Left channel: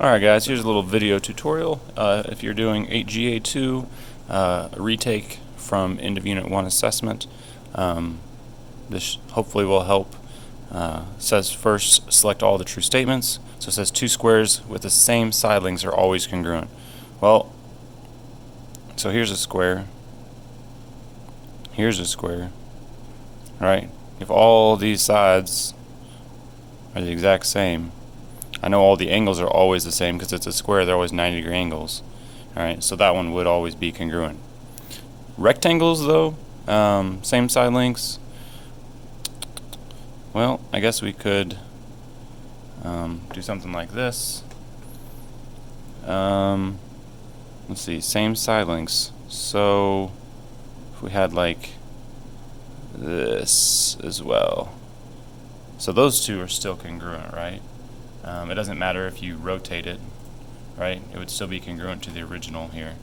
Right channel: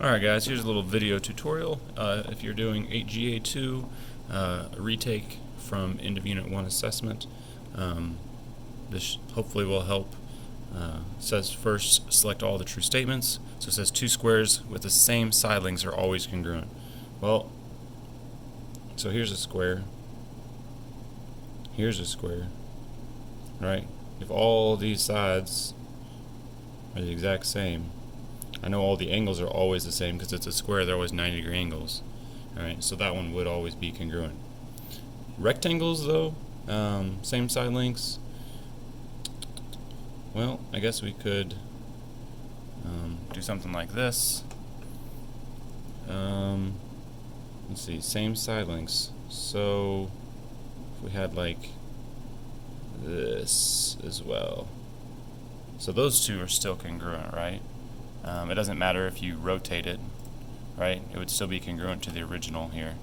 Alright guys, here's a little video tutorial. If you're doing 8.G.A.2, a retake from end of Unit 1 assessment, this hopefully will help. Says first, select all the true statements. So it says two squares with the same side lengths are always congruent. Well, so here's a square. Here's a square. Right? If all these sides are the exact same, I know all the angles are always the same because it's a square, they're always 90-degree angles. Alright, so that one would always be congruent. Rectangles, though, same side lengths. Well, I guess we could do something like this. Let's see, same side lengths. So if we had like this as well. So those two are still congruent, right? It doesn't matter if you rotate it, right? It would still be congruent to the original here.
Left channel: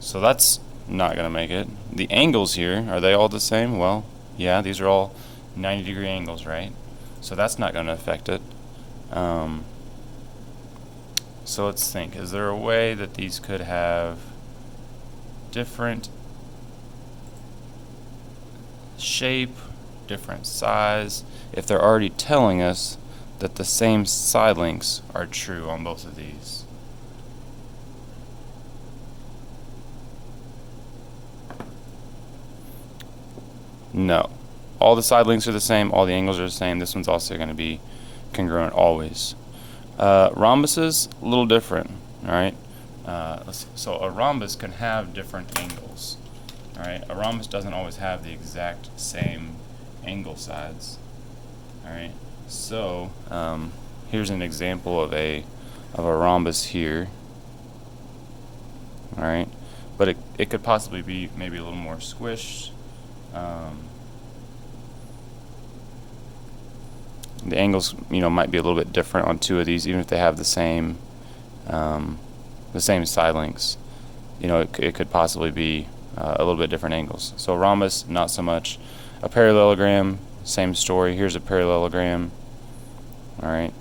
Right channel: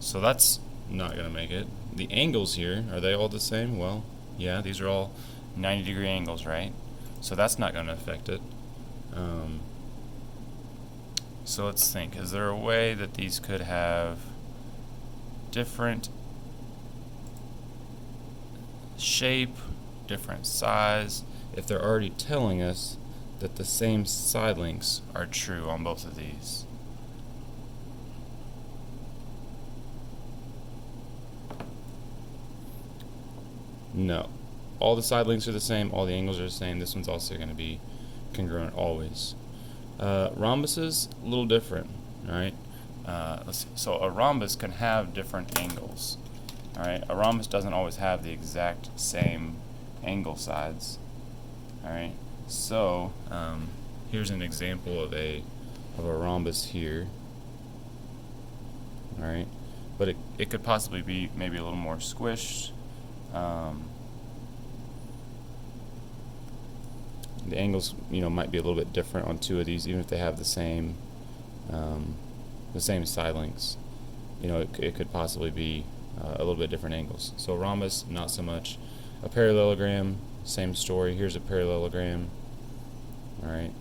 So that's not going to make it. The angles here, are they all the same? Well, yeah, these are all 90-degree angles, right? So that's not going to affect it. So let's think. Is there a way that these could have different shape, different size, if they're already telling us that the same side lengths are true on both of these? No. All the side lengths are the same, all the angles are the same. This one's also going to be congruent always. Rhombuses, a little different. Alright? So a rhombus can have different angles. Alright? A rhombus doesn't always have the exact same angle sides. Alright? So here's an example of a rhombus here. Alright? But it could possibly be maybe a little more squished. The angles, might be a little bit different on two of these, even if they have the same side lengths. It could possibly be a little bit different angles. So rhombus, not so much. A parallelogram, same story. Here's a parallelogram. All right.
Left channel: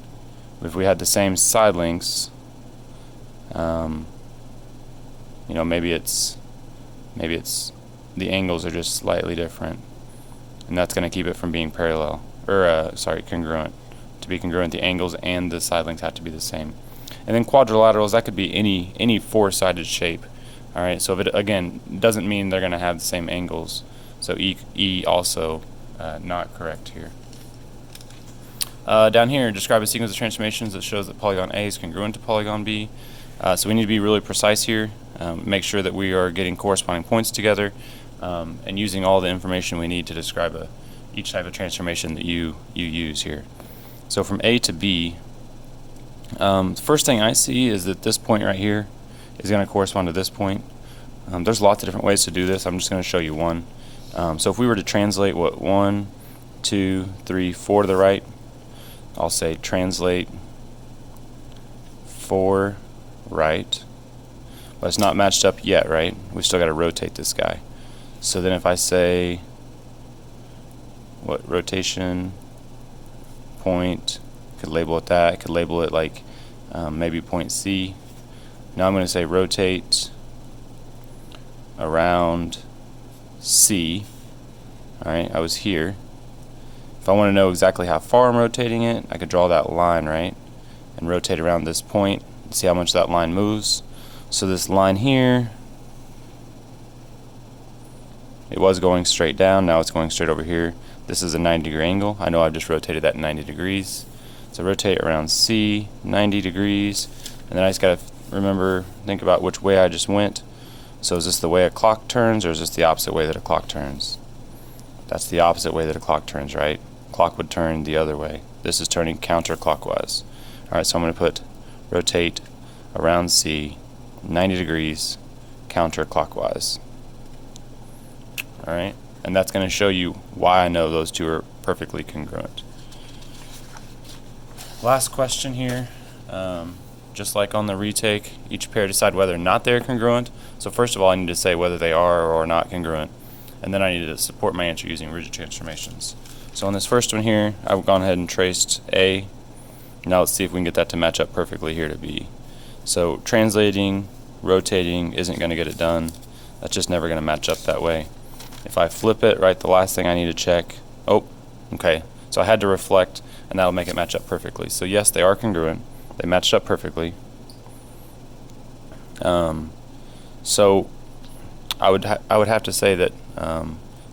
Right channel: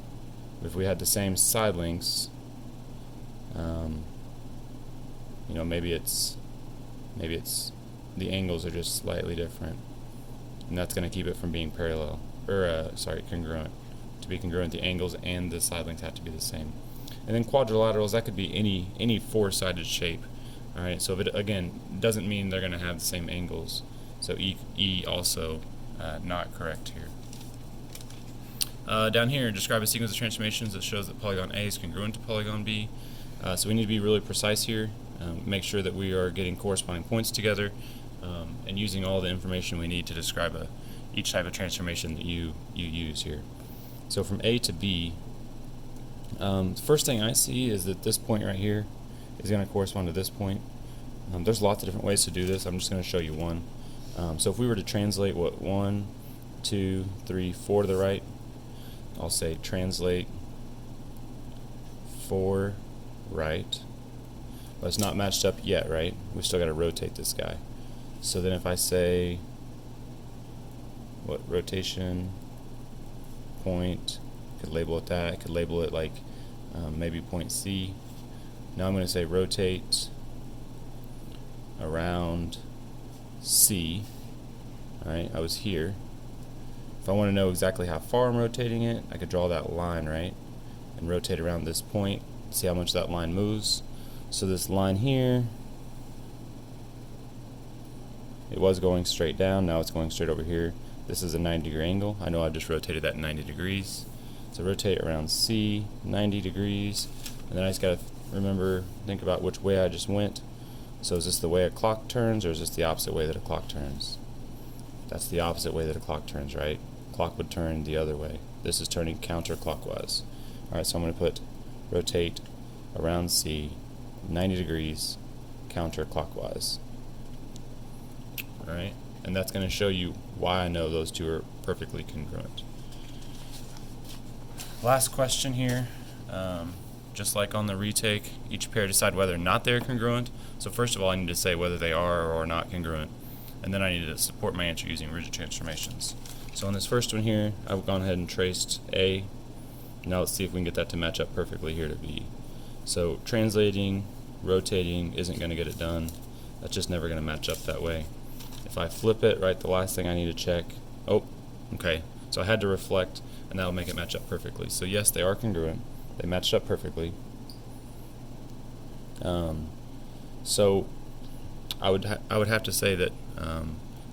If we had the same side lengths, maybe it's the angles are just slightly different, and that's going to keep it from being parallel, or congruent. To be congruent, the angles and the side lengths have to be the same. And then quadrilaterals, that could be any four-sided shape. All right. So if it again doesn't mean they're going to have the same angles. So E also not correct here. Down here, describe a sequence of transformations that shows that polygon A is congruent to polygon B. So we need to be really precise here. Make sure that we are getting corresponding points together and using all the information we need to describe each type of transformation that you use here. So from A to B, the first thing I see is that this point right here is going to correspond to this point. There's lots of different ways to do this. I'm just going to show you one. So if we were to translate 1, 2, 3, 4 to the right, I'll say translate 4 right. But it's not matched up yet, right? We've still got to rotate this guy. So then if I say rotation point, could label it that, could label it like maybe point C. Now I'm going to say rotate around C. Alright, I was here. If I want to know exactly how far I'm rotating it, I could draw that line, right? And rotate around this point, see how much that line moves. So this line here, it was going straight down, now it's going straight over here. This is a 90-degree angle. I know I've just rotated that 90 degrees. So rotate around C, 90 degrees. And then I just got to think about which way I just went. So is this the way a clock turns, or is this the opposite way that a clock turns? That's the opposite way that a clock turns, right? Clock would turn the other way. This is turning counterclockwise. Alright, so I'm going to put rotate around C, 90 degrees, counterclockwise. Alright, and that's going to show you why I know those two are perfectly congruent. Last question here. Just like on the retake, each pair decide whether or not they're congruent. So first of all, I need to say whether they are or are not congruent. And then I need to support my answer using rigid transformations. So on this first one here, I've gone ahead and traced A Now let's see if we can get that to match up perfectly here to B. So translating, rotating isn't going to get it done. That's just never going to match up that way. If I flip it, right, the last thing I need to check, oh, okay, so I had to reflect, and that'll make it match up perfectly. So yes, they are congruent. They matched up perfectly. So I would have to say that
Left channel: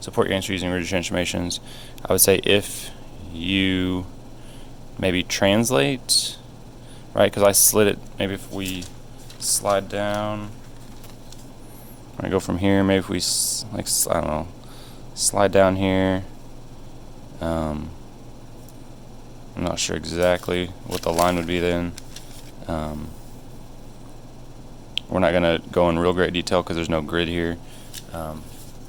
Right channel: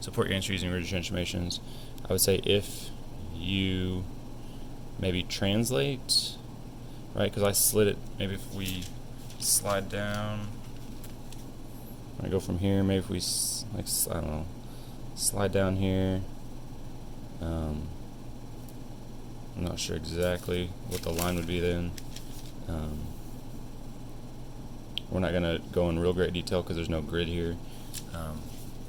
support your answer using rigid transformations. I would say if you maybe translate, right, because I slid it, maybe if we slide down, I go from here, maybe if we, like, I don't know, slide down here, I'm not sure exactly what the line would be then. We're not going to go in real great detail because there's no grid here.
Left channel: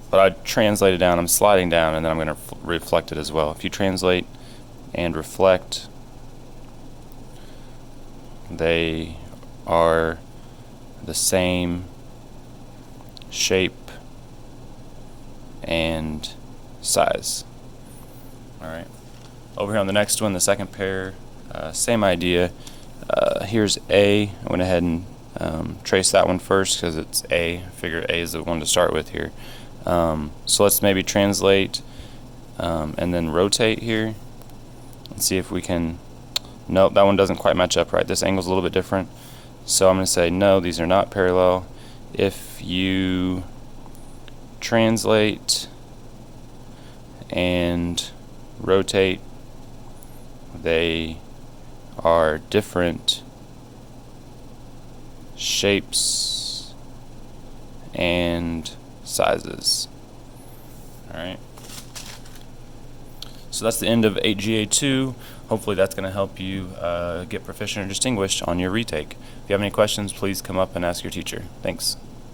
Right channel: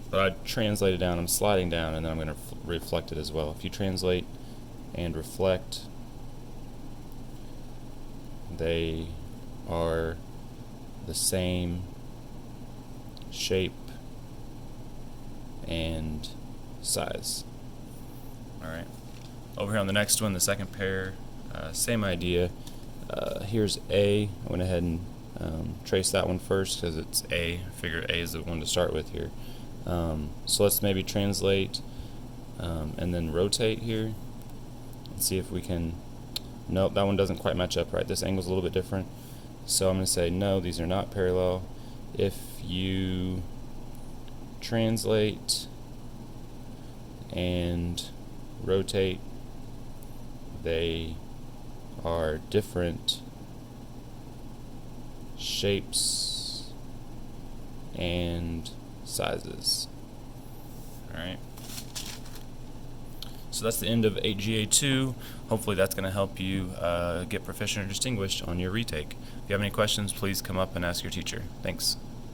But I translate it down, I'm sliding down, and then I'm going to reflect it as well. If you translate and reflect, they are the same shape and size. Alright. Over here on the next one, the second pair, same idea. Here's A. I went ahead and trace that one first because it's A. I figure A is the one to start with here. So let's maybe translate and then rotate here and see if we can. Nope, that one doesn't quite match up right. This angle's a little bit different. So I'm going to say no, these are not parallel. If you translate and rotate, they are different shapes and sizes. Alright. So that's the end of 8.G.A.2. Hopefully that's going to help you get proficient or distinguished on your retake. If you have any questions, please come up and ask your teacher. Thanks.